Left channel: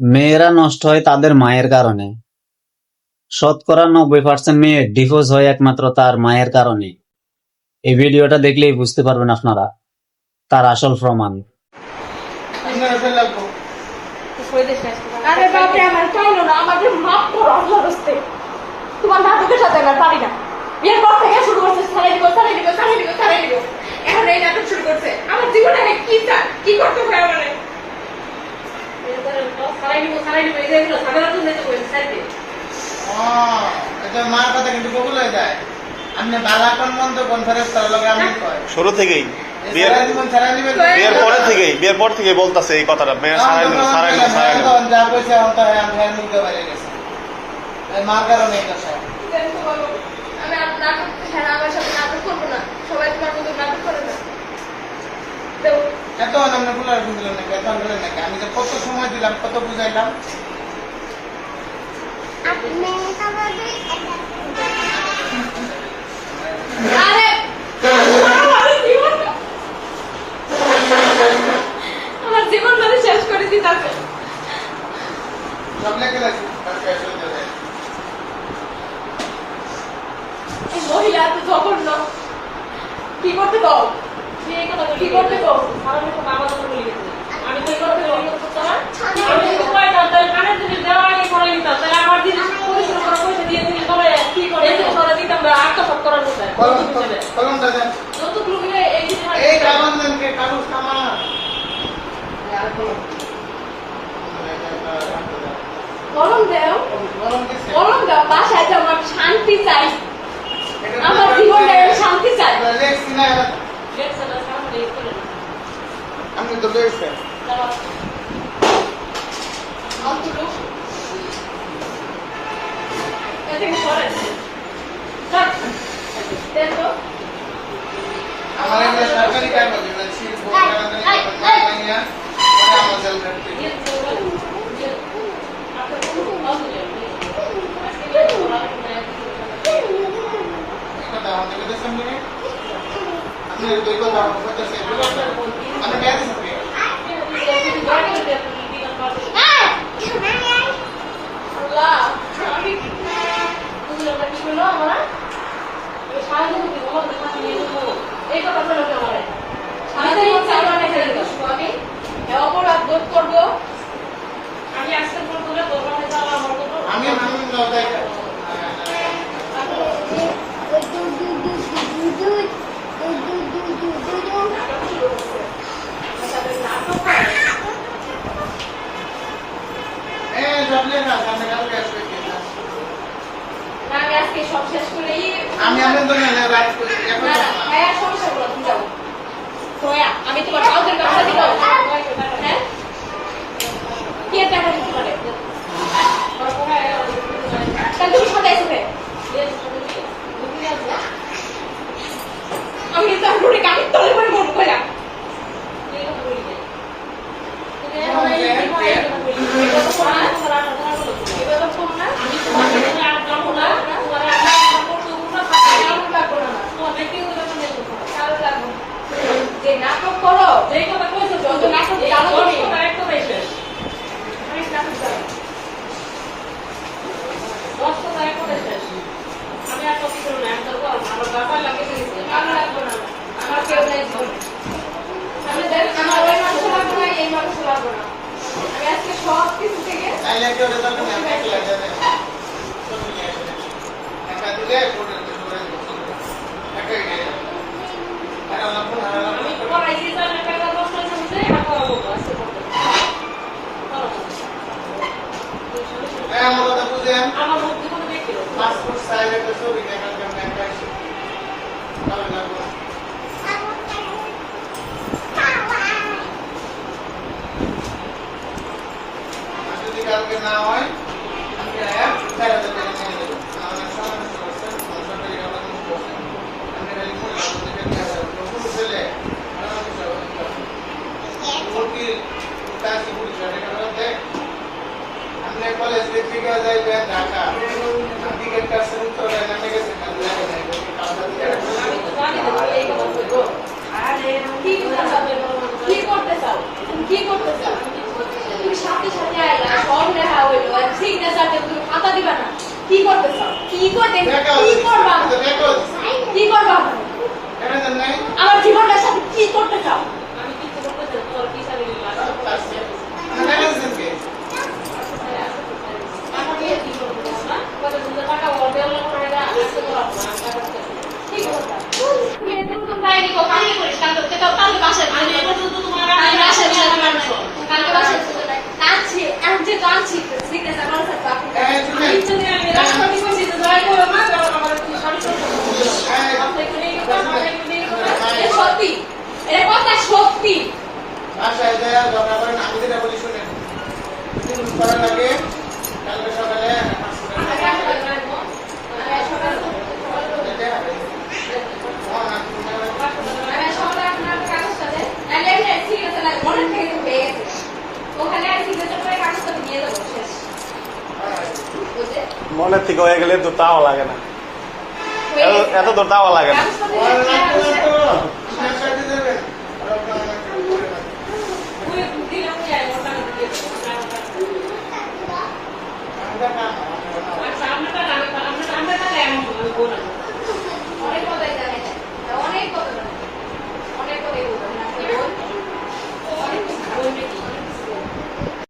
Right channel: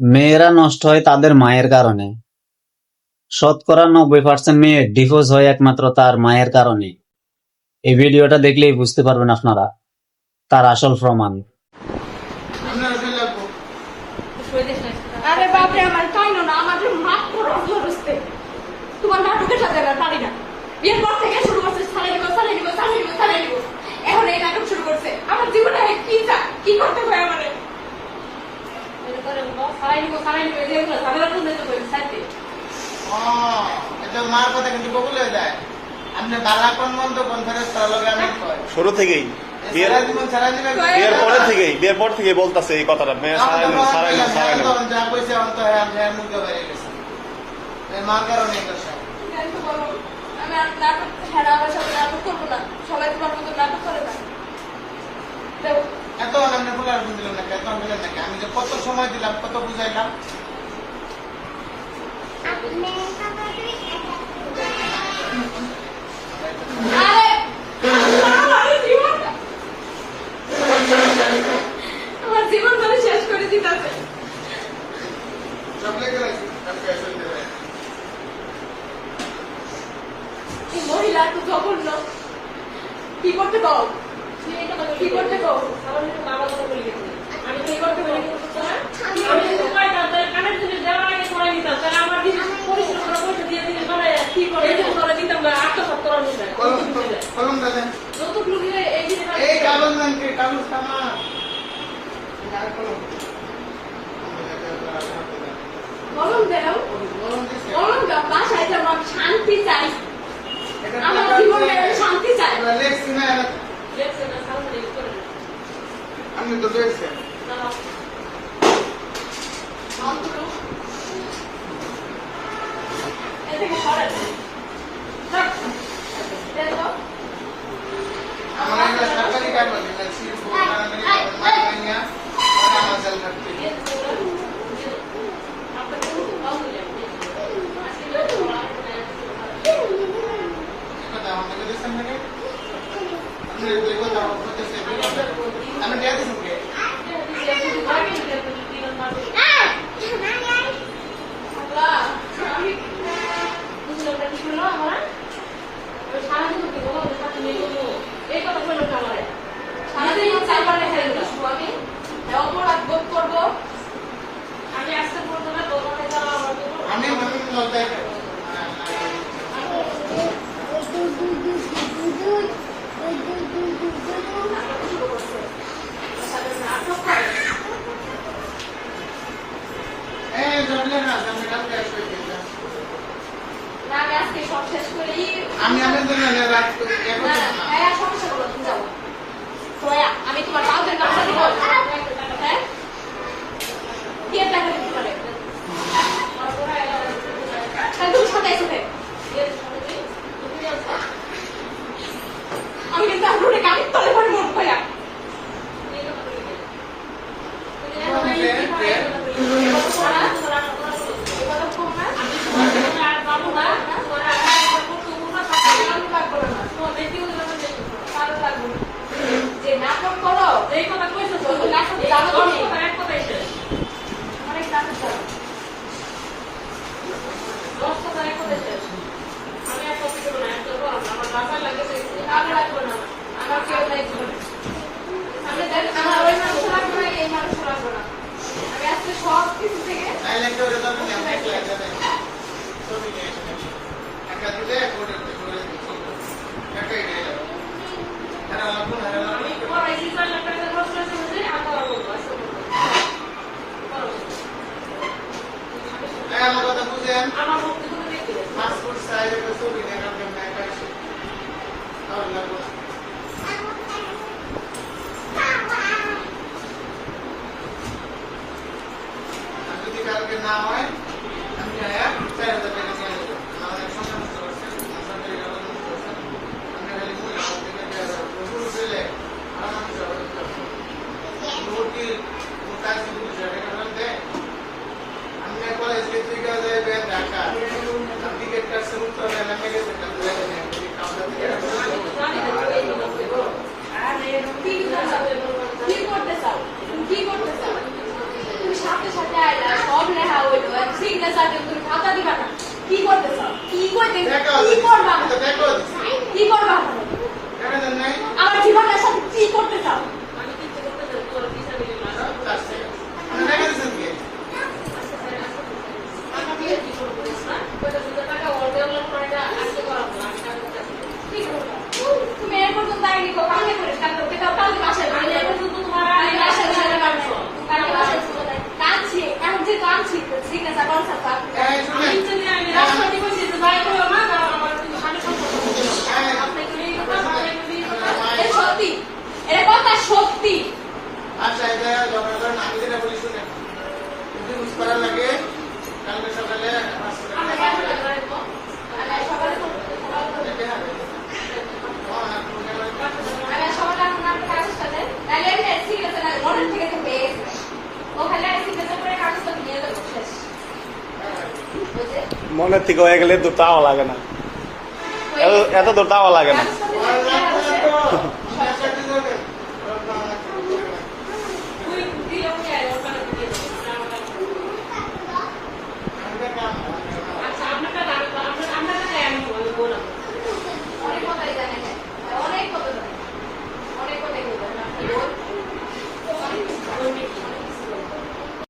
মেয়েরা নষ্ট হয় তাদের মায়ের কারণে। শতকরা 90% মেয়ে ডিভোর্স হয় একমাত্র তার মায়ের কারণে। এই ভিডিওটা দেখলেই বুঝতে পারবেন আপনারা তার আসল প্রমাণ। আরে বাপরে, আমার চাইলো না, আমাকে মাফ করো আল্লাহর রাস্তে। তোমার নাটকের সাথে না পারি না। এরপর থেকে শুরু করছে ছাড়াই দিব, ছাড়াই দিব, ছাড়াই দিব, ছাড়াই দিব। এখন এই নাটক শুরু করছে। আমার জীবনে আমি কি চাই, কি করতে হয় আমারে? ছাড়াই দিব, ছাড়াই দিব, এই যে এগুলো ঝামেলা তুলতে তো বলছি ছাড়তে। এটা মার কথা কিন্তু কবুল হয়ে যায়। আপনি বালা কোন মন্দ কোন ফেরেশতার লগে আমি কয় শুরু থেকেই বিয়ের পর থেকে বলতাছে এই কথাটা মেয়ে সারাই না যা কইছে অন্ত আমি মুখে বাইরে গেছে মার কারণে এটা সব কেন তো বলো, আমি আর নাটক, হ্যাঁ আমার সাথে নাটক করবো না। সবাই তোমার মতো নাটক করে না। এত অনন্য ফুলার দিল না, এত অনন্য নাকি আমি যে কত সময় দিলাম, কত বুঝাইলাম। আরে আমার জীবন ধরে শেষ করে দিতে। সব লেগে লাগছে এই মহিলা এত জঘন্য। কি করতে কও? কি করতে কও? আমি তো করতে বলি না। আমি তো কয় দাও তাই কানের জিনিস দেওয়া আগে করে নিতাম। তাহলে আমার জিনিস পয়সা করে পয়সা দিয়ে দিলে পরে কি করে এই তো করে দিতাম না, আত্মসাৎ করার মতো। কলম দাদা যত গ্রুপে এই জিনিস এই কামানদান কে কাগজ কামানা আর কলম দাও, কলম দিছে কলম দাও। বাসায় যে আমার শান্তি চাই, আমার জীবনে শান্তি চাই। লেখছি না আমি তো লেখছি আমার এই সরকারি কাগজ এটা ছিল কারণে আমার জেল করতে কথা আমাদের কাছে সামনে আমি দুই কথা বলতে চাই আমি কে আছি কে অপরাধ বোধ করবো আমি আজকের পর তোরা দরবারে যাওয়া আমার আমি লতাই আমি তোমার কাউকে টাকা দিব, হ্যাঁ কি টাকা দিতে পারে? তাহলে তুমি সাথে এসে আমি কিন্তু আর রোডে গাড়ির তলে পরে মন করলাম। নাটক করো এই কথা কইছো তো নাটক জানো তুমি একদম এসে অনেক নাটক করো দশটা তাই করে শেষ। আমি আর কপি করবো না, এক করবো আমার দাবা লাগে লাগবে না, আমার কেউ নেই জীবনে। আমি দেখ আমার ওই মানুষ লাগবো না, এই মানুষ লাগবো না। আমি আজকে সব কিছু থেকে আমি পড়াইছি 6 লাখ টাকা নষ্ট হয়েছে, আর করাবো আজকে আমার কথা বুঝেন আমার মুখ জীবনে দেখতে পাসপোর্ট সাইজ একটা ছবি দেখার জন্য একটা আসে তাহলে লাগবে যদি কালকে না হয় আমি 4,000 টাকা ফোন দেবো। আমার এক সময় নষ্ট করছেন, আমার সরকারি কাগজ নষ্ট করছেন, আমি রেলি করে প্রভুর ছেলে আমাকে কাজী পুলিশ দেয়। আমি কলেজ থেকে যাইবে ঢাকা টিকিট কাটছে উত্তর নামে গেছে কি করতে চাও? তুমি সাথে সাথে আইলা কি করতে চাও? কি করতে দেখা কি করবা? হচ্ছে দেখো কি করবা? কেন জান নাই আমার জীবনের সাথে কি করতে চাও? আমি কি করতে চাই তোর বিচারে নিলাম। আছে না কেন জান কে টাকা দিয়ে কি করবো না? কত সুন্দর টাকা ওর দেওয়ার পরে না আসতে করাবো না। কি করবা? তুমি এরকম তো তাই নিকো কালকে করিস কালকে তো কালকে বাসায় আমি এরকম তো তোমার কালকে বাসায় ছিল মানছো কালকে বাসায় ছিল কাঁদছি আমি যে কাঁদছি সিগনেচার করা থাকতো এই তুমি আমি যদি আমি রাষ্ট্রপতি বলছি তো ভাই করো না আমার তুমি আমি সত্যি এর কথা সত্যি আচ্ছা এই জায়গা ঝগড়া করেন আমি যেটা বলি শুনেন যদি বুঝ করা লাগে কালকে সকালে নামাজ পড়ে দেখে হবে মনের থেকে হয়ে গেলে দূর তাও লাগে না, এত দূর তাও লাগে না। আর লাগবে না তো